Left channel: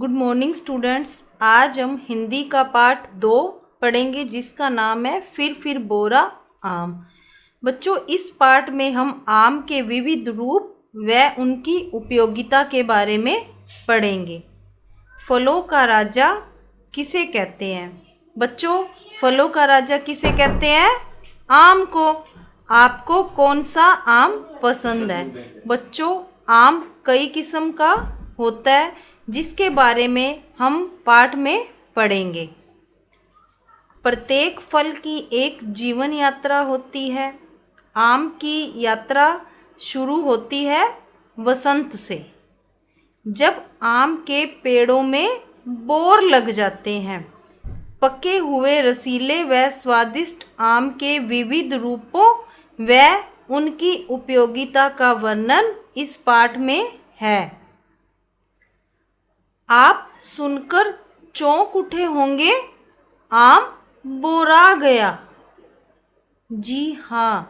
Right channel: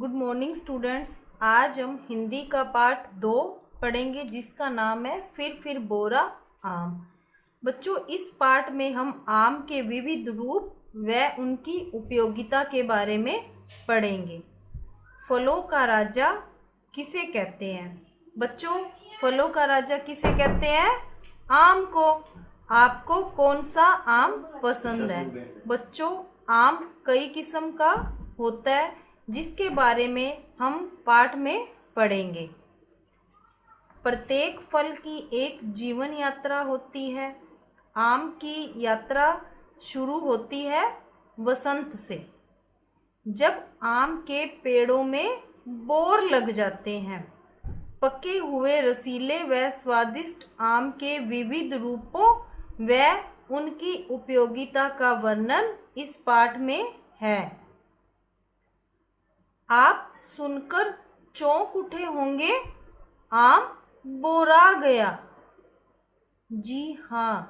Good morning students. आज हम हिंदी का पाठ 2 पढ़ेंगे जिसका नाम है फिर बोरा आम। बच्चों, इस पाठ में हम आम के विविध रूप व उनकी उपयोगिता के बारे में पढ़ेंगे। फलों का राजा किसे कहते हैं? बच्चों, फलों का राजा किसे कहते हैं? आम को। आपको कौन सा आम पसंद है? बच्चों, आम कई किस्म का होता है जिसके बारे में हम पाठ में पढ़ेंगे। प्रत्येक फल की एक जीवन यात्रा होती है। आम की यात्रा शुरू होती है वसंत से, जब आम के पेड़ों में बोर लग जाते हैं। पके हुए रसीले व स्वादिष्ट आम के विविध रूपों व उनकी उपयोगिता का वर्णन इस पाठ में है। आप सुनकर चौंक उठे होंगे, आम बोरा गया। जी हाँ,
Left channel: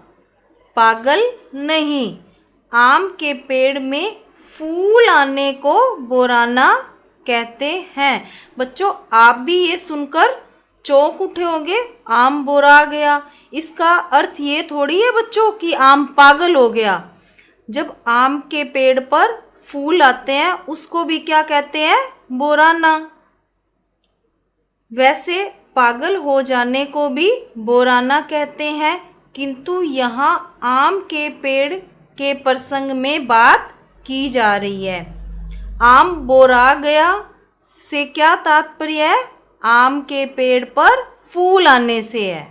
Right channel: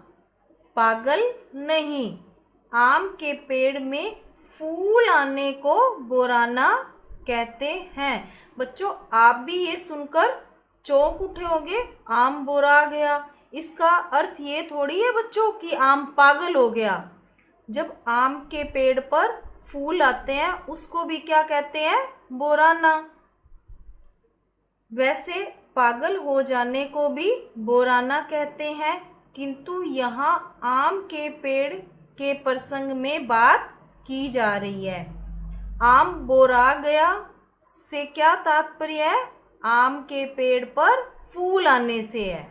पागल नहीं। आम के पेड़ में फूल आने को बोराना कहते हैं। बच्चों, आप भी ये सुनकर चौंक उठे होंगे, आम बोरा गया। इसका अर्थ ये थोड़ी है बच्चों कि आम पागल हो गया। जब आम के पेड़ पर फूल आते हैं उसको भी क्या कहते हैं? बोराना। वैसे पागल हो जाने को भी बोराना कहते हैं, किंतु यहाँ आम के पेड़ के प्रसंग में बात की जा रही है। आम बोरा गया से क्या तात्पर्य है? आम के पेड़ पर फूल आने से है।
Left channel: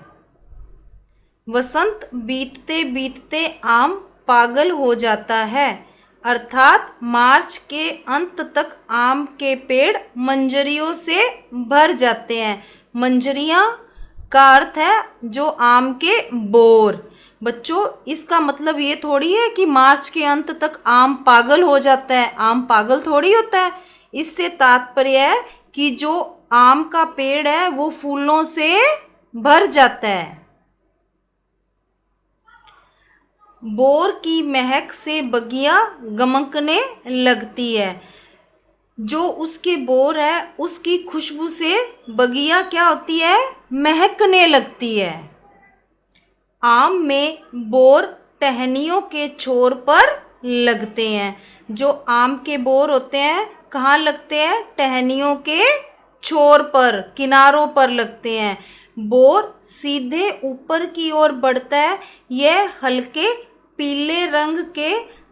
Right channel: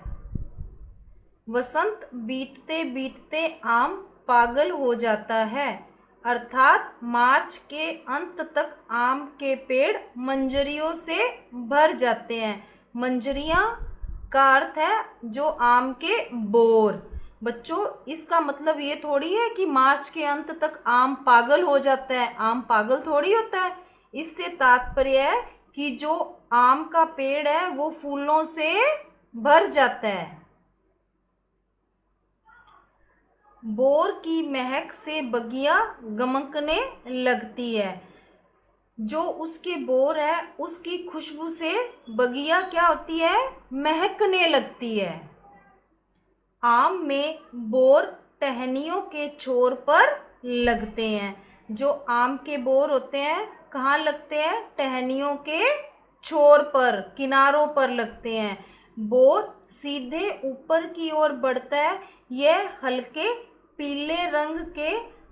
वसंत बीतते बीतते आम पागल हो जाता है, अर्थात मार्च के अंत तक आम के पेड़ मंजरियों से भर जाते हैं। मंजरियां का अर्थ है जो आम के बोर। बच्चों, इसका मतलब ये थोड़ी है कि मार्च के अंत तक आम पागल हो जाता है। आम पागल थोड़ी होता है। इससे तात्पर्य है कि जो आम का पेड़ है वो फूलों से भर जाता है। बोर की महक से बगिया गमकने लगती है। जो उसके बोर है उसकी खुशबू से बगिया क्या होती है? महकने लगती है। आम में बोर टहनियों के छोर पर लगते हैं। जो आम के बोर होते हैं कहाँ लगते हैं? टहनियों के छोर पर, किनारों पर लगते हैं। बोर सीधे ऊपर की ओर बढ़ता है। यह हल्के पीले रंग के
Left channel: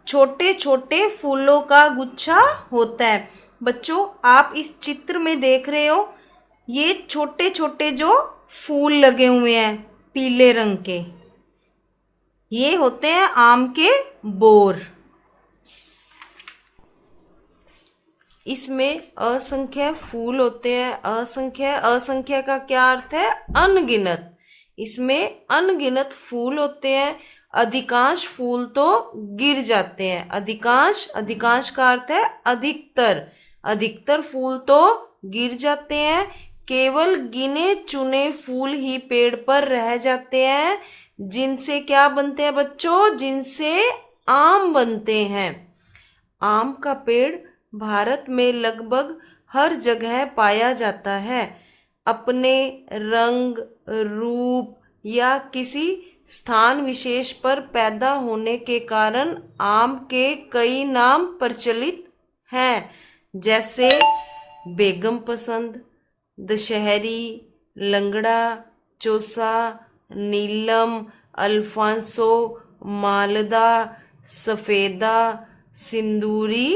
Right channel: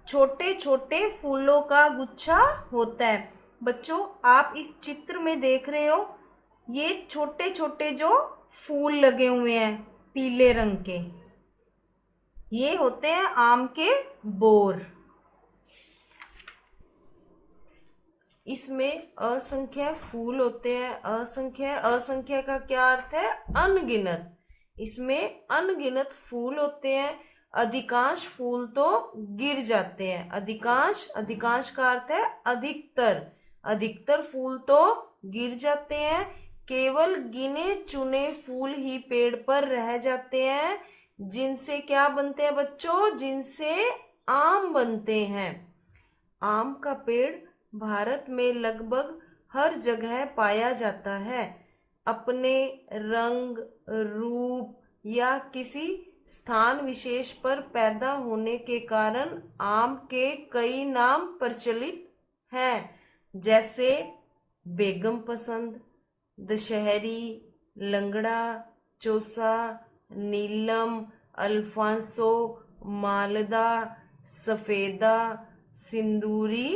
छोटे छोटे फूलों का गुच्छा होता है। बच्चों, आप इस चित्र में देख रहे हो, ये छोटे छोटे जो फूल लगे हुए हैं पीले रंग के, ये होते हैं आम के बोर। इसमें असंख्य फूल होते हैं। असंख्य का क्या अर्थ है? अनगिनत। इसमें अनगिनत फूल होते हैं। अधिकांश फूल तो गिर जाते हैं। अधिकांश का अर्थ है अधिकतर फूल तो गिर जाते हैं। केवल गिने चुने फूल ही पेड़ पर रह जाते हैं, जिनसे क्या बनते हैं बच्चों? जिनसे आम बनते हैं। आम का पेड़ भारत में लगभग हर जगह पाया जाता है। अपने रंग, रूप या किसी स्थान विशेष पर पैदा होने के कारण आम के कई नाम प्रचलित हैं, जैसे बेगम पसंद, दशहरी, लंगड़ा, चौसा, नीलम, अल्फांसो, मालदा, सफेदा, सिंदूरी,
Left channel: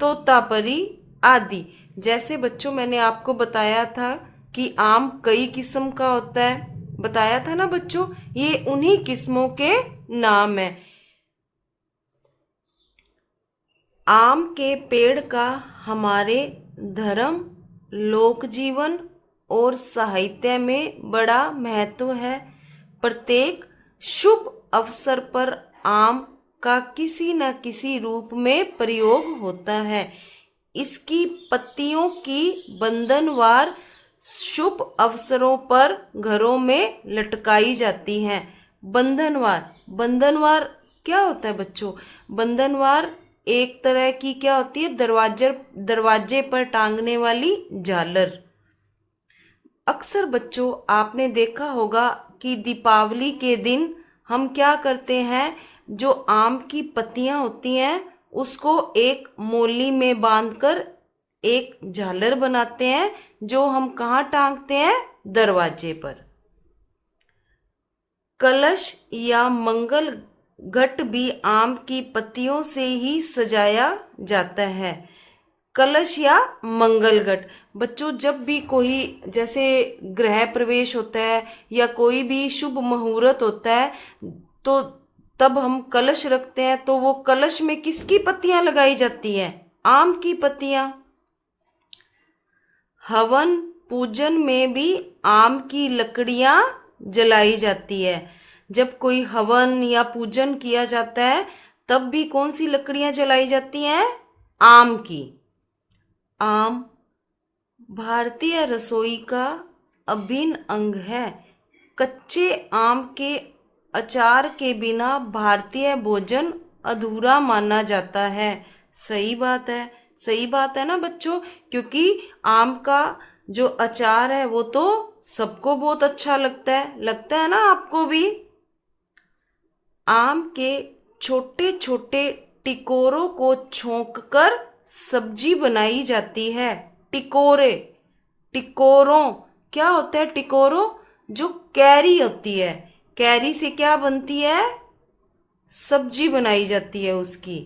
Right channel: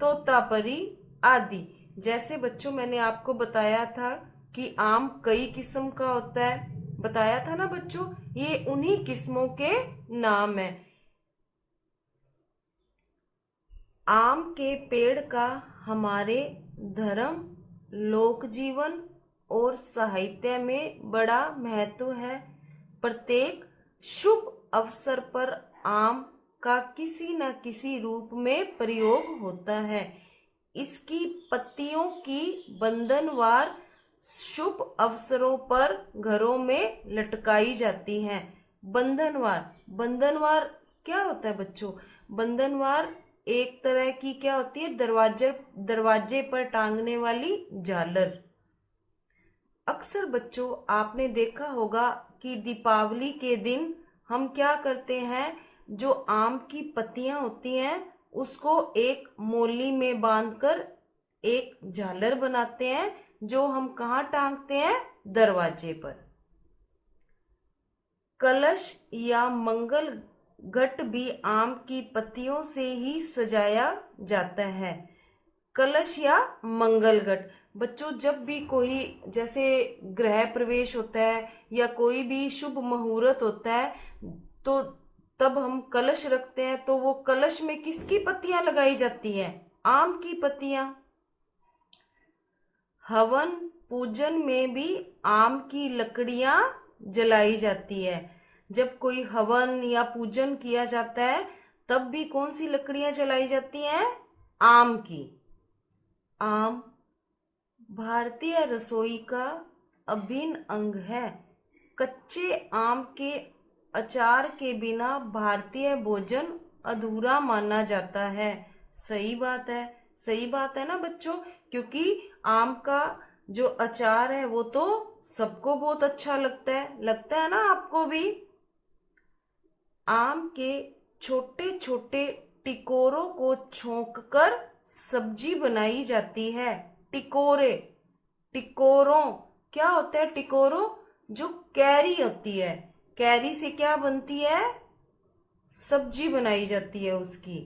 तोतापरी आदि। जैसे बच्चों मैंने आपको बताया था कि आम कई किस्म का होता है, बताया था ना बच्चों, ये उन्हीं किस्मों के नाम है। आम के पेड़ का हमारे धर्म, लोक जीवन और साहित्य में बड़ा महत्व है। प्रत्येक शुभ अवसर पर आम का किसी न किसी रूप में प्रयोग होता है। इसकी पत्तियों की बंधनवार शुभ अवसरों पर घरों में लटकाई जाती हैं। बंधनवार क्या होता है बच्चों? बंधनवार एक तरह की क्या होती है, दरवाजे पर टांगने वाली झालर। अक्सर बच्चों आपने देखा होगा कि दीपावली के दिन हम क्या करते हैं, जो आम की पत्तियां होती हैं उसको एक मोली में बांधकर एक झालर बनाते हैं, जो हम कहाँ टांगते हैं, दरवाजे पर। कलश या मंगल घट भी आम की पत्तियों से ही सजाया जाता है। कलश या मंगल घट, बच्चों जब भी कोई जैसे गृह प्रवेश होता है या कोई भी शुभ मुहूर्त होता है, तो तब हम कलश रखते हैं, तो वो कलश में किसकी पत्तियां लगाई जाती हैं, आम की पत्तियां। हवन पूजन में भी आम की लकड़ियां जलाई जाती है। जब कोई हवन या पूजन किया जाता है तब भी कौन सी लकड़ियां जलाई जाती हैं, आम की। आम भारतीय रसोई का अभिन्न अंग है। कच्चे आम के अचार के बिना भारतीय भोजन अधूरा माना जाता है। सही बात है, सही बात है ना बच्चों, क्योंकि आम का जो अचार है वो तो सबको बहुत अच्छा लगता है ना आपको भी। आम के छोटे छोटे टिकोरों को छोंककर सब्जी बनाई जाती है। टिकोरे, टिकोरों, क्या होता है टिकोरों, जो कैरी होती है, कैरी से क्या बनती है, सब्जी बनाई जाती है उसकी।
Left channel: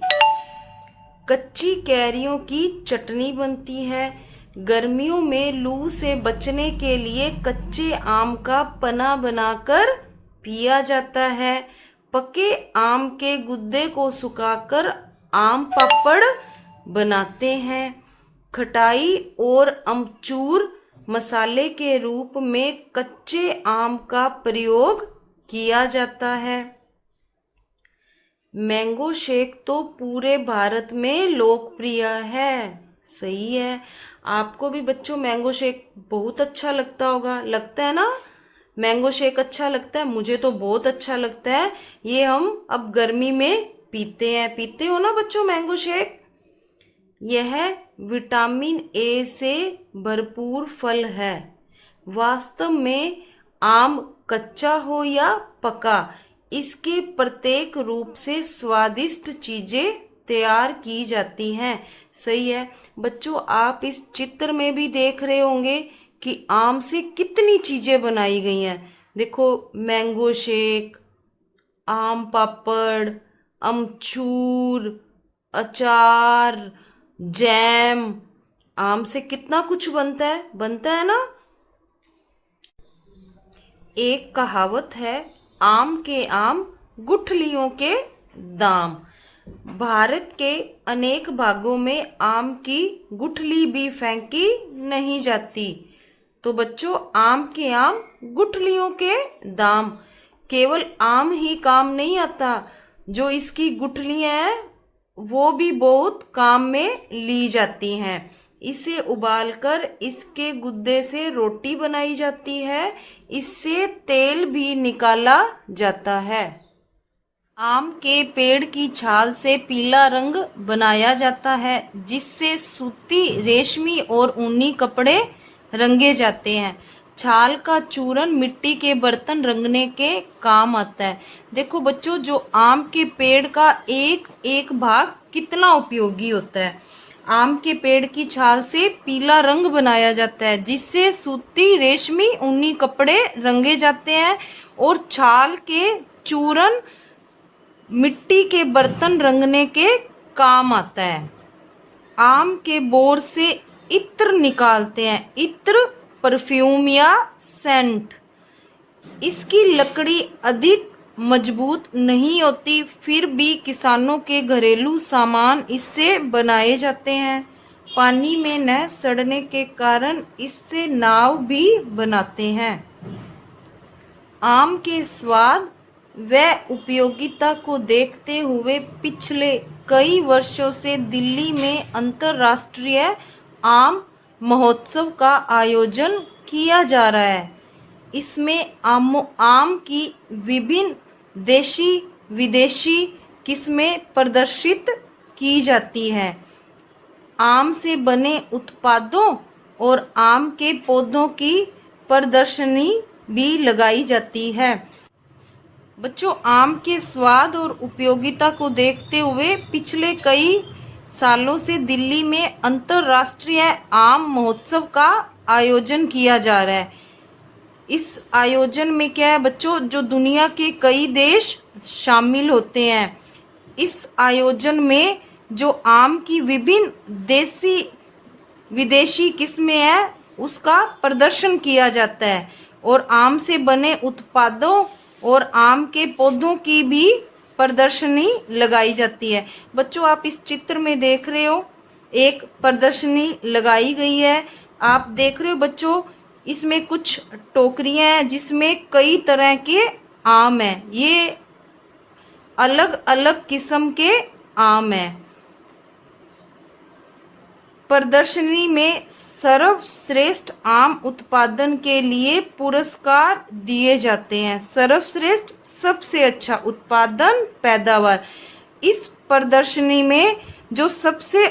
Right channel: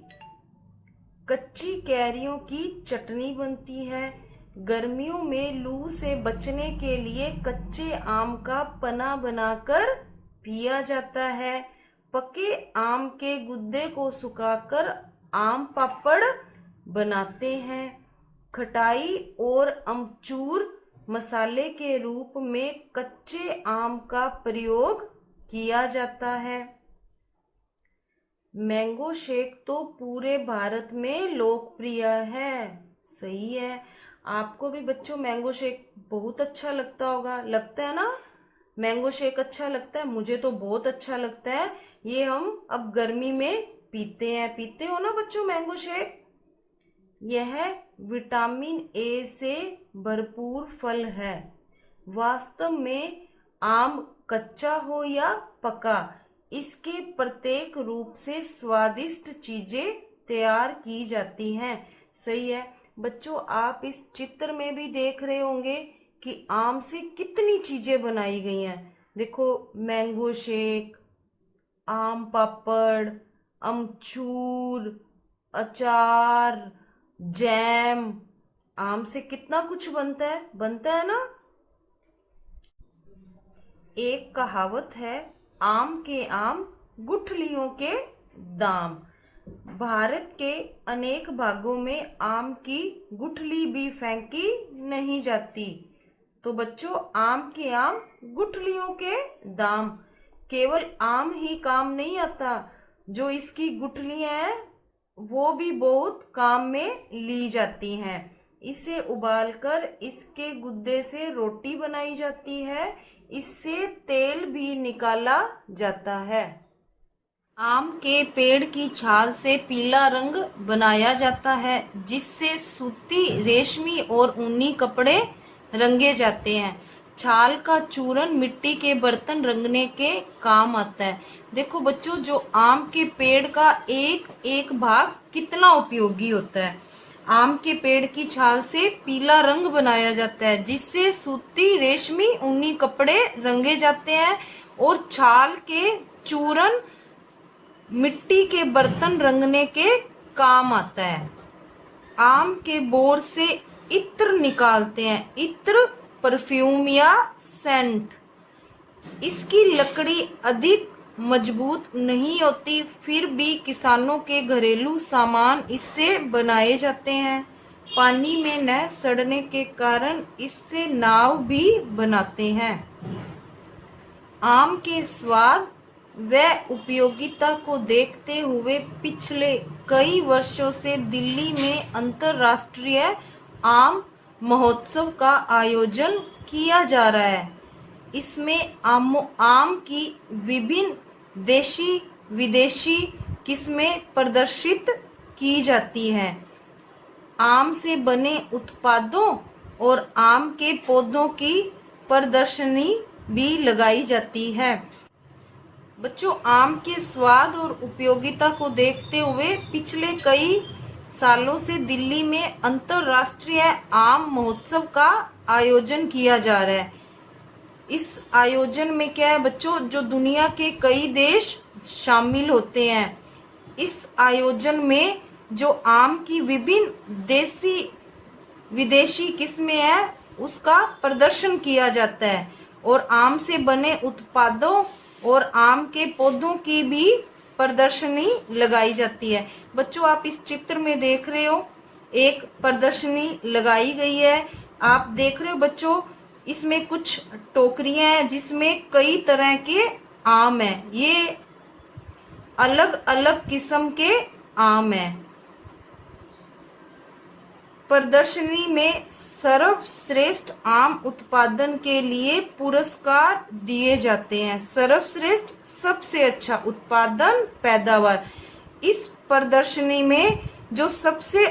कच्ची कैरियों की चटनी बनती है। गर्मियों में लू से बचने के लिए कच्चे आम का पना बनाकर पिया जाता है। पके आम के गुद्दे को सुखाकर आम पापड़ बनाते हैं। खटाई और अमचूर मसाले के रूप में कच्चे आम का प्रयोग किया जाता है। मैंगो शेक तो पूरे भारत में लोकप्रिय है। सही है, आपको भी बच्चों मैंगो शेक बहुत अच्छा लगता होगा, लगता है ना, मैंगो शेक अच्छा लगता है, मुझे तो बहुत अच्छा लगता है। ये हम अब गर्मी में पीते हो ना बच्चों मैंगो शेक। यह विटामिन ए से भरपूर फल है। वास्तव में आम कच्चा हो या पका, इसके प्रत्येक रूप से स्वादिष्ट चीजें तैयार की जाती हैं। सही है बच्चों, आप इस चित्र में भी देख रहे होंगे कि आम से कितनी चीजें बनाई गई हैं। देखो मैंगो शेक, आम पापड़, अमचूर, अचार, जैम, आम से कितना कुछ बनता है ना। एक कहावत है, आम के आम गुठलियों के दाम। भारत के अनेक भागों में आम की गुठली भी फेंकी नहीं जाती। तो बच्चों आम के आम गुठलियों के दाम। केवल आम ही काम नहीं आता, जो इसकी गुठलियां हैं वो भी बहुत काम में ली जाती हैं। इसे उबालकर इसके गुद्दे से रोटी बनाई जाती है। इससे तेल भी निकाला जाता है। आम के पेड़ की छाल से पीला रंग बनाया जाता है, जिससे सूती, रेशमी और ऊनी कपड़े रंगे जाते हैं। छाल का चूरन मिट्टी के बर्तन रंगने के काम आता है। देखो बच्चों, जो आम के पेड़ का एक एक भाग कितना उपयोगी होता है। आम के पेड़ की छाल से पीला रंग बनाया जाता है, जिससे सूती, रेशमी, ऊनी कपड़े रंगे जाते हैं। और छाल के चूरन मिट्टी के बर्तन रंगने के काम आता है। आम के बोर से इत्र निकालते हैं, इत्र परफ्यूम या सेंट। इसकी लकड़ी अधिक मजबूत नहीं होती, फिर भी किसानों के घरेलू सामान इससे बनाए जाते हैं। पानी में न सड़ने के कारण इससे नाव भी बनाते हैं। आम के स्वाद व उपयोगिता को देखते हुए पिछले कई वर्षों से दिल्ली में अंतर्राष्ट्रीय आम महोत्सव का आयोजन किया जा रहा है। इसमें आम की विभिन्न देशी विदेशी किस्में प्रदर्शित की जाती है। आम से बने उत्पादों और आम के पौधों की प्रदर्शनी भी लगाई जाती है। बच्चों, आम के स्वाद और उपयोगिता को देखते हुए पिछले कई सालों से दिल्ली में अंतर्राष्ट्रीय आम महोत्सव का आयोजन किया जा रहा है। इस आयोजन में क्या है बच्चों, जो दुनिया के कई देश शामिल होते हैं। इस आयोजन में जो आम की विभिन्न देसी विदेशी किस्में हैं उसका प्रदर्शन किया जाता है और आम से बने उत्पादों और आम के पौधों की भी प्रदर्शनी लगाई जाती है। बच्चों, आप इस चित्र में देख रहे हो एक प्रदर्शनी लगाई गई है। आप देख रहे हो बच्चों, इसमें कुछ टोकरियां हैं जिसमें कई तरह के आम हैं। ये अलग अलग किस्म के आम हैं। प्रदर्शनी में सर्वश्रेष्ठ आम उत्पादन के लिए पुरस्कार दिए जाते हैं। सर्वश्रेष्ठ सबसे अच्छा उत्पादन पैदावार। इस प्रदर्शनी में जो सबसे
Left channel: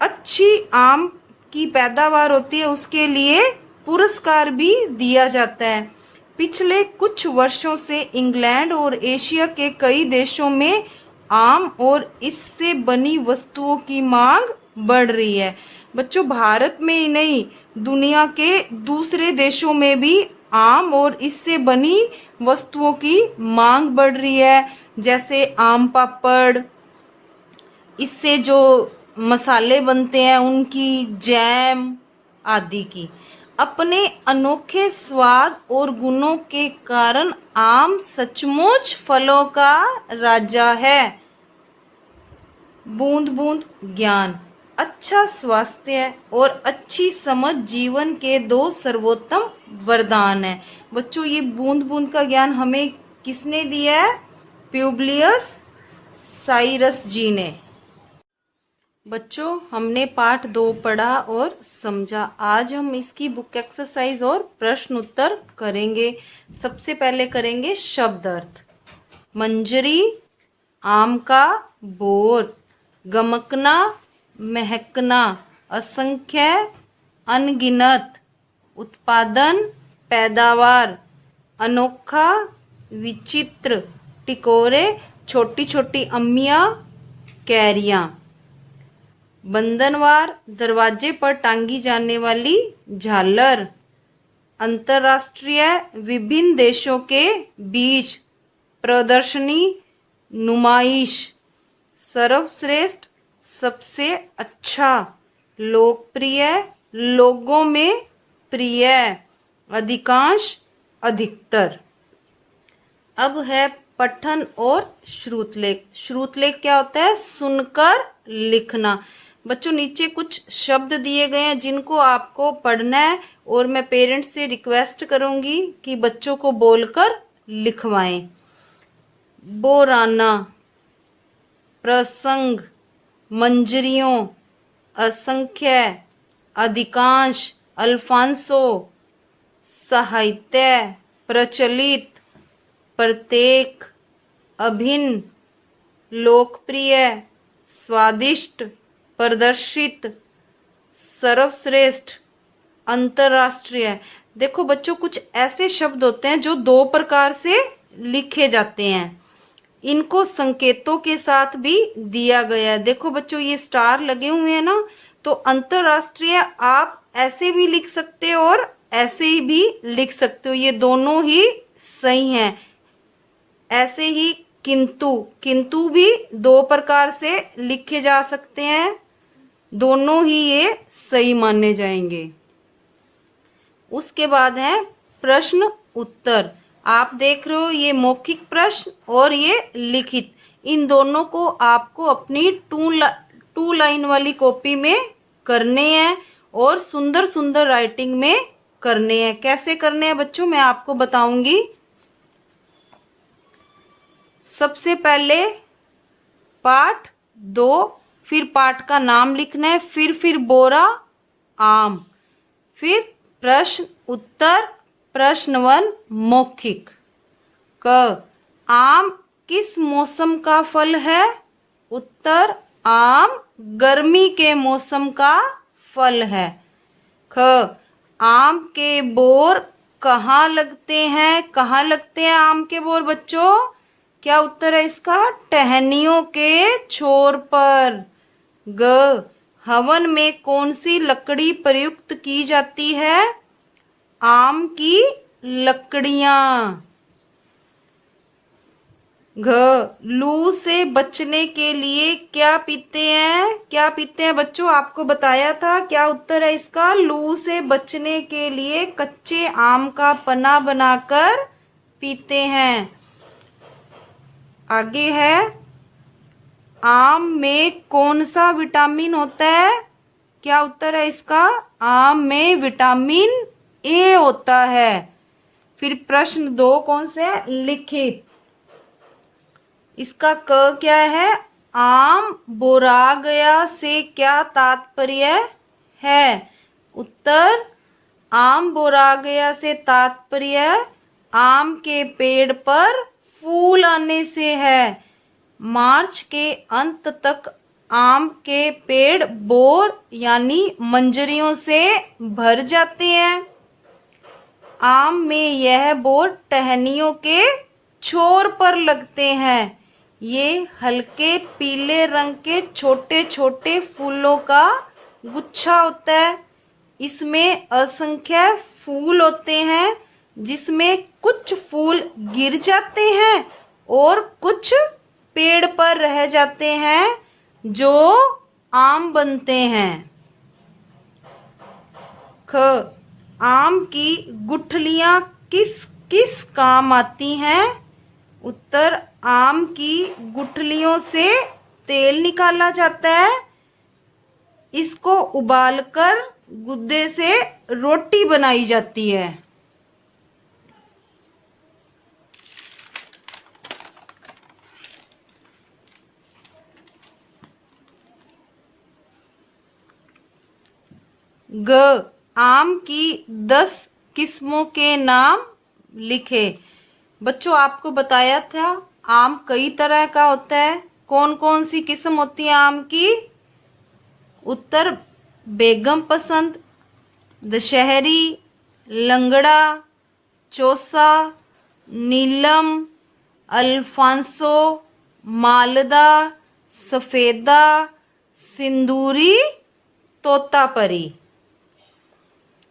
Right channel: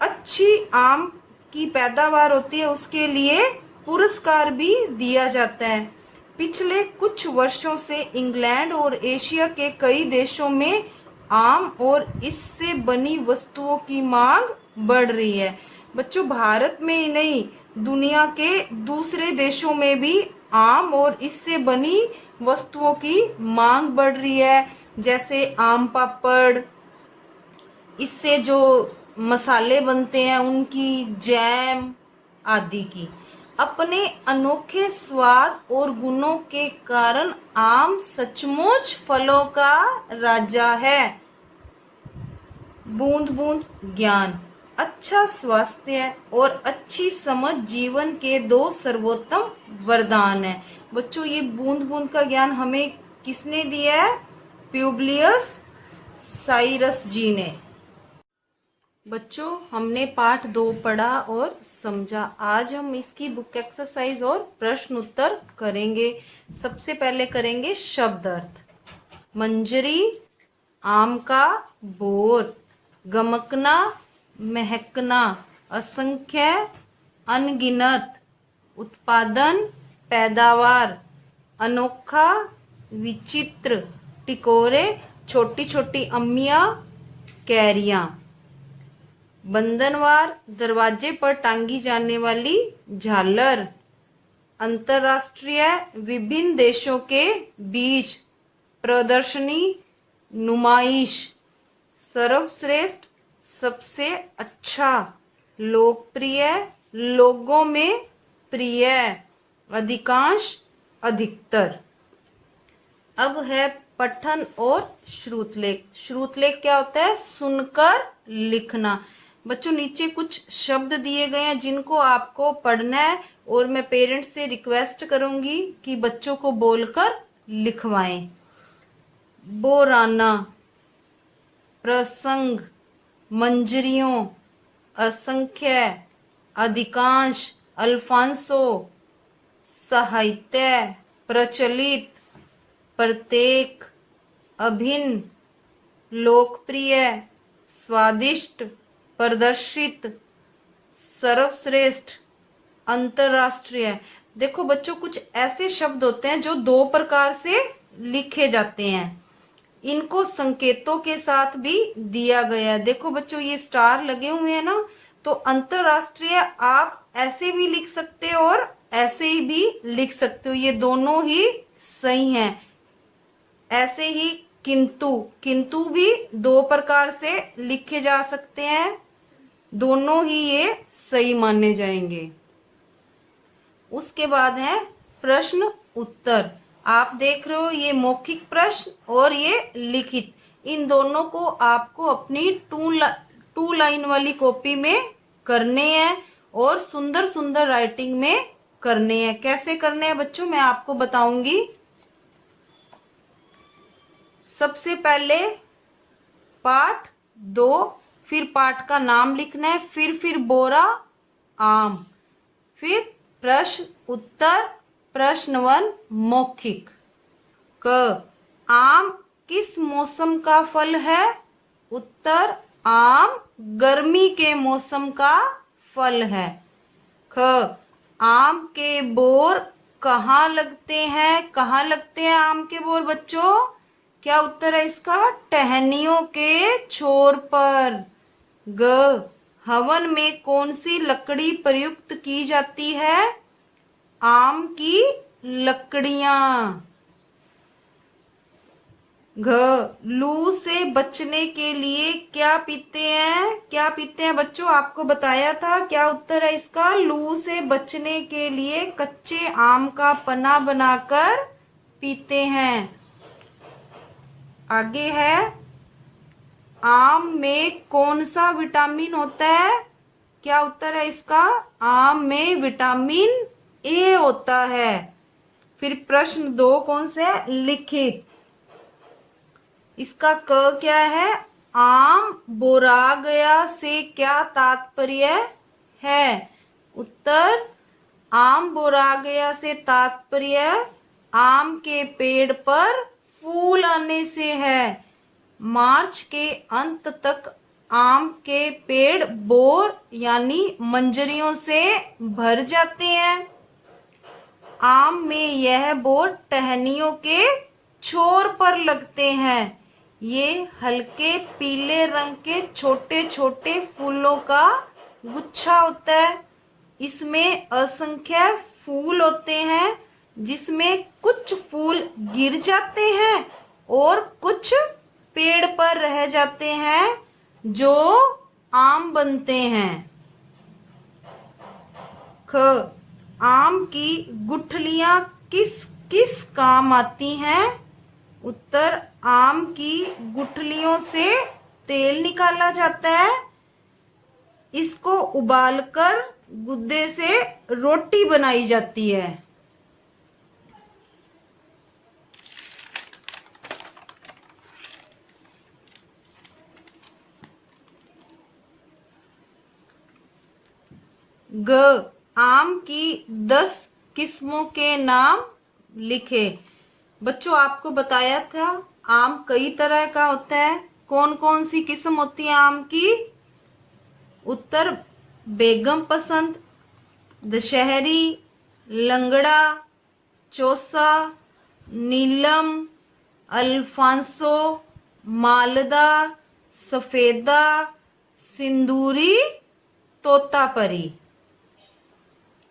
अच्छी आम की पैदावार होती है उसके लिए पुरस्कार भी दिया जाता है। पिछले कुछ वर्षों से इंग्लैंड और एशिया के कई देशों में आम और इससे बनी वस्तुओं की मांग बढ़ रही है। बच्चों, भारत में ही नहीं दुनिया के दूसरे देशों में भी आम और इससे बनी वस्तुओं की मांग बढ़ रही है। जैसे आम पापड़, इससे जो मसाले बनते हैं उनकी, जैम आदि की। अपने अनोखे स्वाद और गुणों के कारण आम सचमुच फलों का राजा है। बूंद बूंद ज्ञान, अच्छा स्वास्थ्य और अच्छी समझ जीवन के दो सर्वोत्तम वरदान है। बच्चों, ये बूंद बूंद का ज्ञान हमें किसने दिया है? प्यूब्लियस साइरस जी ने। बच्चों, हमने पाठ 2 पढ़ा और समझा। आज हम इसकी बुक एक्सरसाइज और प्रश्न उत्तर करेंगे। सबसे पहले करेंगे शब्द अर्थ। मंजरी, आम का बोर, गमकना, महकना, असंख्य, अनगिनत, उत्पादन, पैदावार, अनोखा, विचित्र, टिकोरे, छोटी छोटी अम्मियां, कैरियां। बंधनवार, दरवाजे पर टांगी जाने वाली झालर। अंतर्राष्ट्रीय, विभिन्न देशों के बीच प्रदर्शनी, नुमाइश। सर्वश्रेष्ठ, सबसे अच्छा। लोकप्रिय, लोगों में प्रिय। अधिकांश, अधिकतर। अब है पठन और श्रुतलेख। श्रुतलेख क्या होता है? सुनकर लिखना। बच्चों, नीचे कुछ शब्द दिए गए हैं जिनको आपको पढ़ना है और मैं पेरेंट्स से रिक्वेस्ट करूंगी कि बच्चों को बोलकर लिखवाएं। बोराना, प्रसंग, मंजरियों, असंख्य, अधिकांश, अल्फांसो, साहित्य, प्रचलित, प्रत्येक, अभिन्न, लोकप्रिय, स्वादिष्ट, प्रदर्शित, सर्वश्रेष्ठ, अंतरराष्ट्रीय। देखो बच्चों, कुछ ऐसे शब्द होते हैं जो 2 प्रकार से लिखे जाते हैं। इनको संकेतों के साथ भी दिया गया है। देखो बच्चों, ये स्टार लगे हुए हैं ना, तो अंतरराष्ट्रीय आप ऐसे भी लिख सकते हो और ऐसे ही भी लिख सकते हो, ये दोनों ही सही हैं। ऐसे ही किंतु, किंतु भी 2 प्रकार से लिखे जा सकते हैं, दोनों ही ये सही माने जाएंगे। उसके बाद है प्रश्न उत्तर। आप देख रहे हो ये मौखिक प्रश्न और ये लिखित। इन दोनों को आपको अपनी 2 लाइन वाली कॉपी में करने हैं और सुंदर सुंदर राइटिंग में करने हैं। कैसे करने हैं बच्चों, मैं आपको बताऊंगी। सबसे पहले पाठ 2, फिर पाठ का नाम लिखना है, फिर बोरा, आम, फिर प्रश्न उत्तर। प्रश्न 1 मौखिक। क, आम किस मौसम का फल है? उत्तर, आम गर्मी के मौसम का फल है। ख, आम के बोर कहाँ लगते हैं? कहाँ लगते हैं आम के बोर बच्चों? क्या उत्तर है इसका? टहनियों के छोर पर। ग, हवन में कौन सी लकड़ी प्रयुक्त की जाती है? आम की लकड़ियां। घ, लू से बचने के लिए क्या पीते हैं? क्या पीते हैं बच्चों? आपको बताया था। क्या उत्तर है इसका? लू से बचने के लिए कच्चे आम का पन्ना बनाकर पीते हैं। आगे है, आम में कौन सा विटामिन होता है? क्या उत्तर है इसका? आम में विटामिन ए होता है। फिर प्रश्न 2 कौन सा है? लिखित। इसका क क्या है? आम बोरा गया से क्या तात्पर्य है? उत्तर, आम बोरा गया से तात्पर्य आम के पेड़ पर फूल आने से है। मार्च के अंत तक आम के पेड़ बोर यानी मंजरियों से भर जाते हैं। आम में यह बोर टहनियों के छोर पर लगते हैं। ये हल्के पीले रंग के छोटे छोटे फूलों का गुच्छा होता है। इसमें असंख्य फूल होते हैं, जिसमें कुछ फूल गिर जाते हैं और कुछ पेड़ पर रह जाते हैं जो आम बनते हैं। ख, आम की गुठलियां किस किस काम आती हैं? उत्तर, आम की गुठलियों से तेल निकाला जाता है। इसको उबालकर गुद्दे से रोटी बनाई जाती है। ग, आम की 10 किस्मों के नाम लिखे। बच्चों आपको बताया था आम कई तरह का होता है। कौन कौन सी किस्म होती है आम की? उत्तर, बेगम पसंद, दशहरी, लंगड़ा, चौसा, नीलम, अल्फांसो, मालदा, सफेदा, सिंदूरी, तोतापरी।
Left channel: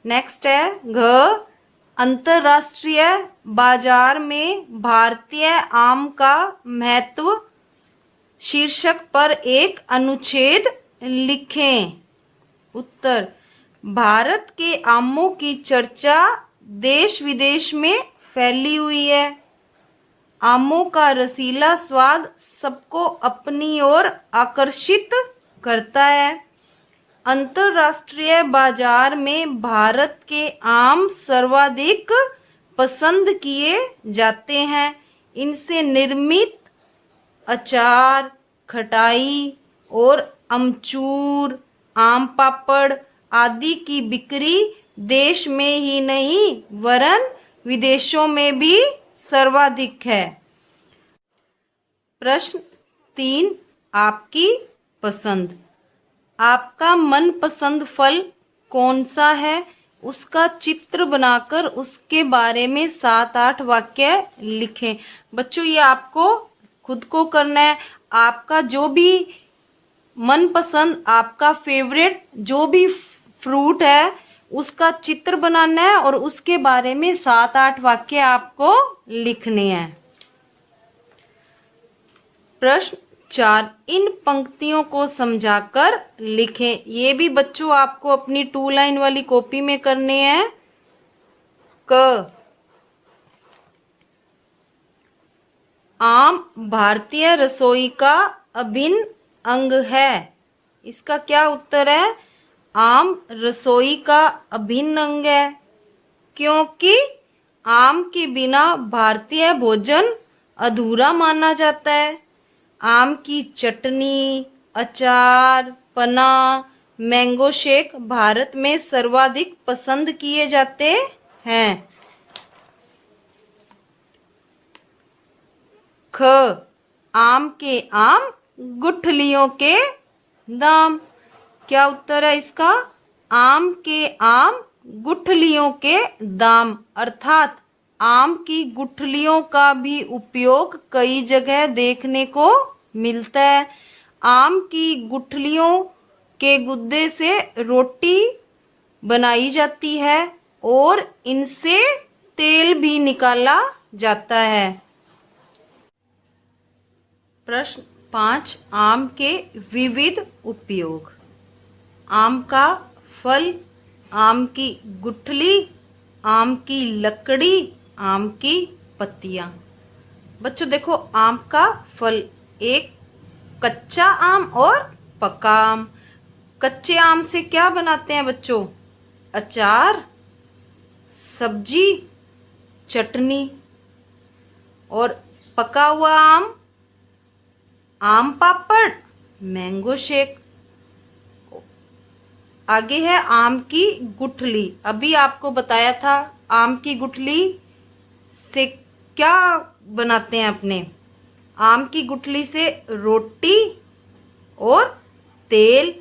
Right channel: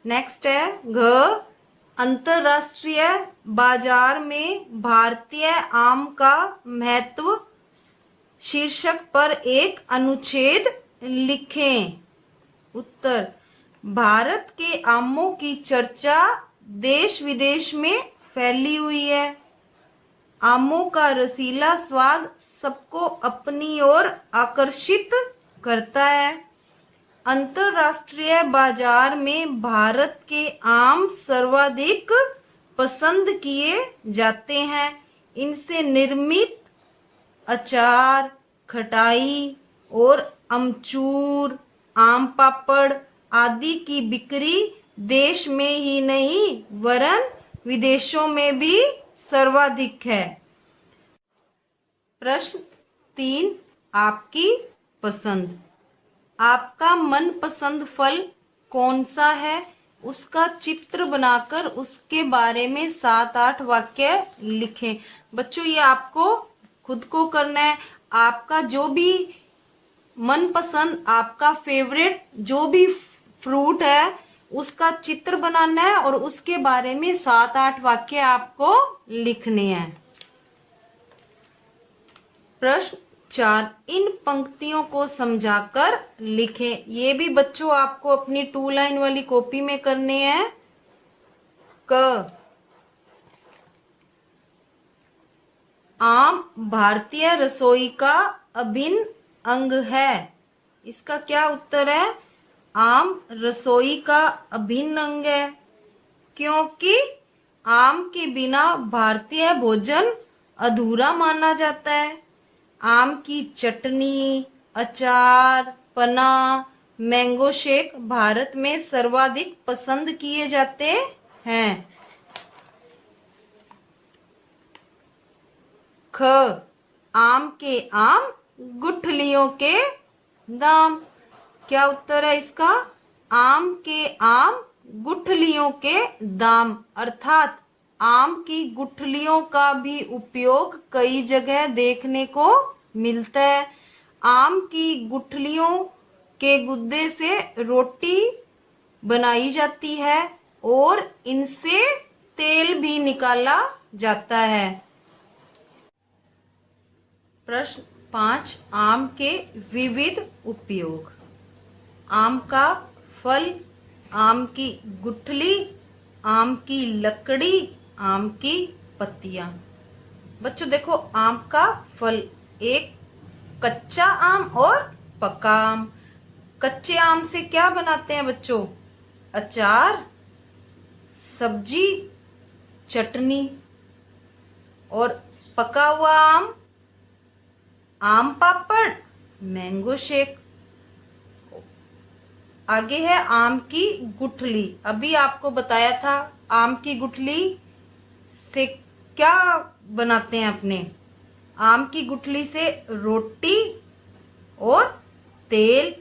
नेक्स्ट है घ, अंतरराष्ट्रीय बाजार में भारतीय आम का महत्व शीर्षक पर एक अनुच्छेद लिखें। उत्तर, भारत के आमों की चर्चा देश विदेश में फैली हुई है। आमों का रसीला स्वाद सबको अपनी ओर आकर्षित करता है। अंतरराष्ट्रीय बाजार में भारत के आम सर्वाधिक पसंद किए जाते हैं। इनसे निर्मित अचार, खटाई और अमचूर, आम पापड़ आदि की बिक्री देश में ही नहीं वरन विदेशों में भी सर्वाधिक है। प्रश्न 3, आपकी पसंद। आपका मनपसंद फल कौन सा है? उसका चित्र बनाकर उसके बारे में 7-8 वाक्य लिखें। बच्चों ये आपको खुद को करना है। आपका जो भी मनपसंद, आपका फेवरेट जो भी फ्रूट है उसका चित्र बनाना है और उसके बारे में 7-8 वाक्य आपको लिखने हैं। प्रश्न 4, इन पंक्तियों को समझाकर लिखें। ये भी बच्चों आपको अपनी 2 लाइन वाली कॉपी में करने हैं। क, आम भारतीय रसोई का अभिन्न अंग है। इसका क्या उत्तर है? आम रसोई का अभिन्न अंग है, क्योंकि आम के बिना भारतीय भोजन अधूरा माना जाता है। आम की चटनी, अचार, पना, मैंगो शेक भारत में सर्वाधिक पसंद किए जाते हैं। ख, आम के आम गुठलियों के दाम। क्या उत्तर है इसका? आम के आम गुठलियों के दाम, अर्थात आम की गुठलियों का भी उपयोग कई जगह देखने को मिलता है। आम की गुठलियों के गुद्दे से रोटी बनाई जाती है और इनसे तेल भी निकाला जाता है। प्रश्न 5, आम के विविध उपयोग। आम का फल, आम की गुठली, आम की लकड़ी, आम की पत्तियां। बच्चों देखो, आम का फल, एक कच्चा आम और पका आम। कच्चे आम से क्या बनाते हैं बच्चों? अचार, सब्जी, चटनी। और पका हुआ आम, आम पापड़, मैंगो शेक। आगे है आम की गुठली। अभी आपको बताया था आम की गुठली से क्या बनाते हैं अपने। आम की गुठली से रोटी और तेल।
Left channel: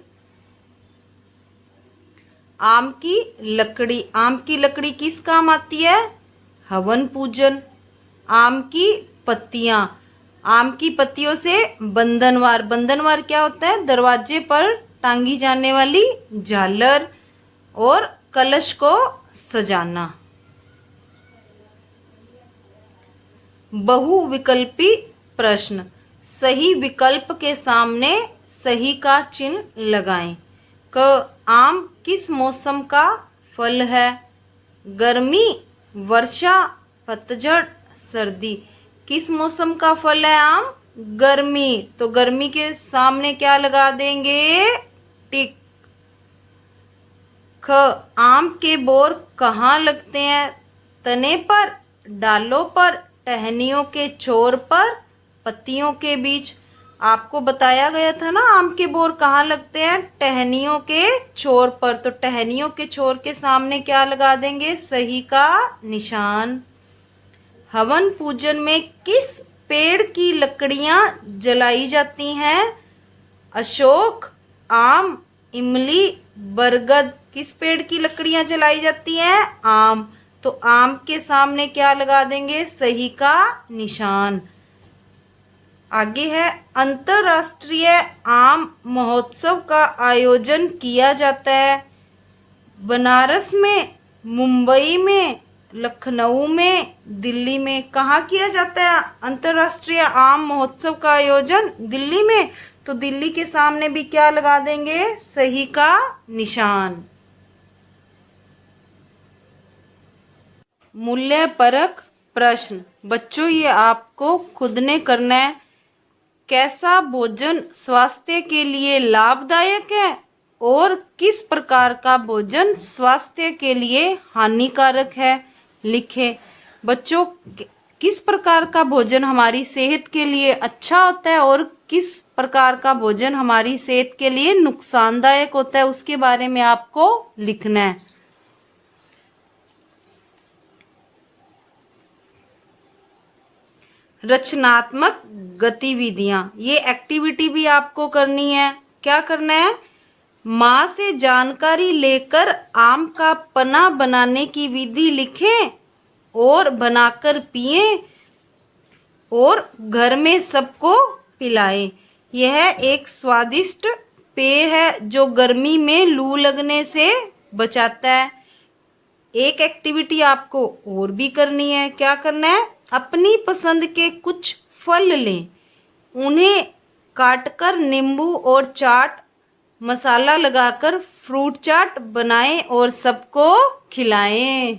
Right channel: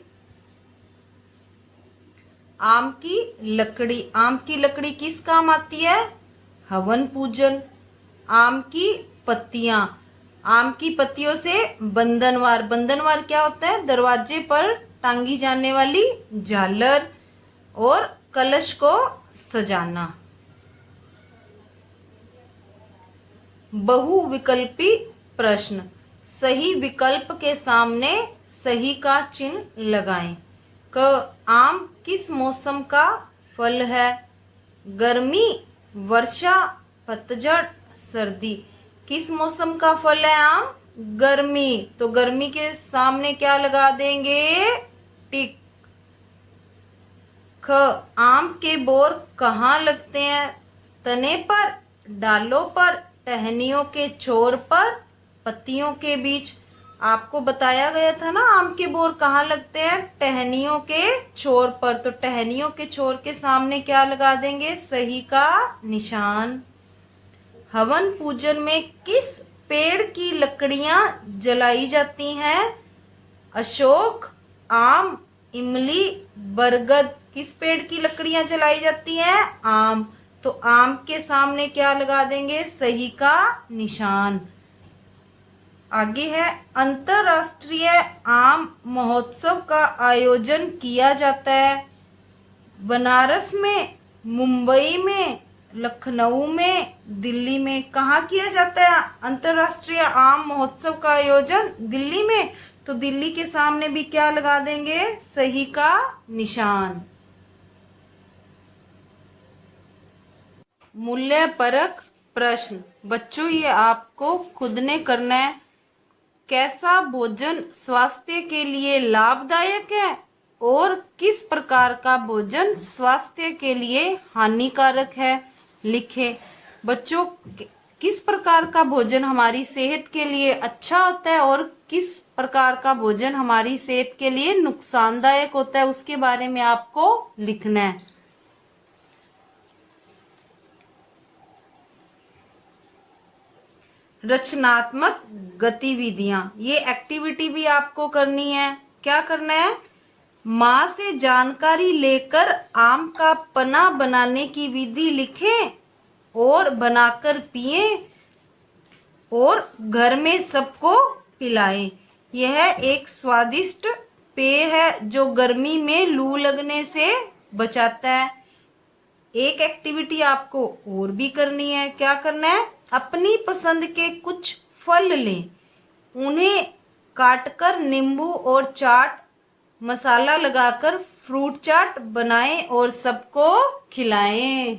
आम की लकड़ी, आम की लकड़ी किस काम आती है? हवन पूजन। आम की पत्तियां, आम की पत्तियों से बंधनवार। बंधनवार क्या होता है? दरवाजे पर टांगी जाने वाली झालर और कलश को सजाना। बहुविकल्पी प्रश्न। सही विकल्प के सामने सही का चिन्ह लगाएं। क, आम किस मौसम का फल है? गर्मी, वर्षा, पतझड़, सर्दी। किस मौसम का फल है आम? गर्मी। तो गर्मी के सामने क्या लगा देंगे? टिक। ख, आम के बोर कहाँ लगते हैं? तने पर, डालों पर, टहनियों के छोर पर, पत्तियों के बीच। आपको बताया गया था ना आम के बोर कहाँ लगते हैं? टहनियों के छोर पर। तो टहनियों के छोर के सामने क्या लगा देंगे? सही का निशान। हवन पूजन में किस पेड़ की लकड़ियां जलाई जाती हैं? अशोक, आम, इमली, बरगद। किस पेड़ की लकड़ियां जलाई जाती हैं? आम। तो आम के सामने क्या लगा देंगे? सही का निशान। आगे है अंतरराष्ट्रीय आम महोत्सव का आयोजन किया जाता है बनारस में, मुंबई में, लखनऊ में, दिल्ली में। कहाँ किया जाता है अंतरराष्ट्रीय आम महोत्सव का आयोजन? दिल्ली में। तो दिल्ली के सामने भी क्या लगा देंगे? सही का निशान। मूल्य परक प्रश्न। बच्चों ये आपको खुद ने करना है। कैसा भोजन स्वास्थ्य के लिए लाभदायक है और किस प्रकार का भोजन स्वास्थ्य के लिए हानिकारक है? लिखें। बच्चों, किस प्रकार का भोजन हमारी सेहत के लिए अच्छा होता है और किस प्रकार का भोजन हमारी सेहत के लिए नुकसानदायक होता है, उसके बारे में आपको लिखना है। रचनात्मक गतिविधियां, ये एक्टिविटी भी आपको करनी है। क्या करना है? माँ से जानकारी लेकर आम का पन्ना बनाने की विधि लिखें और बनाकर पिएं और घर में सबको पिलाएं। यह एक स्वादिष्ट पेय है जो गर्मी में लू लगने से बचाता है। एक एक्टिविटी आपको और भी करनी है। क्या करना है? अपनी पसंद के कुछ फल लें, उन्हें काटकर नींबू और चाट मसाला लगाकर फ्रूट चाट बनाएं और सबको खिलाएं।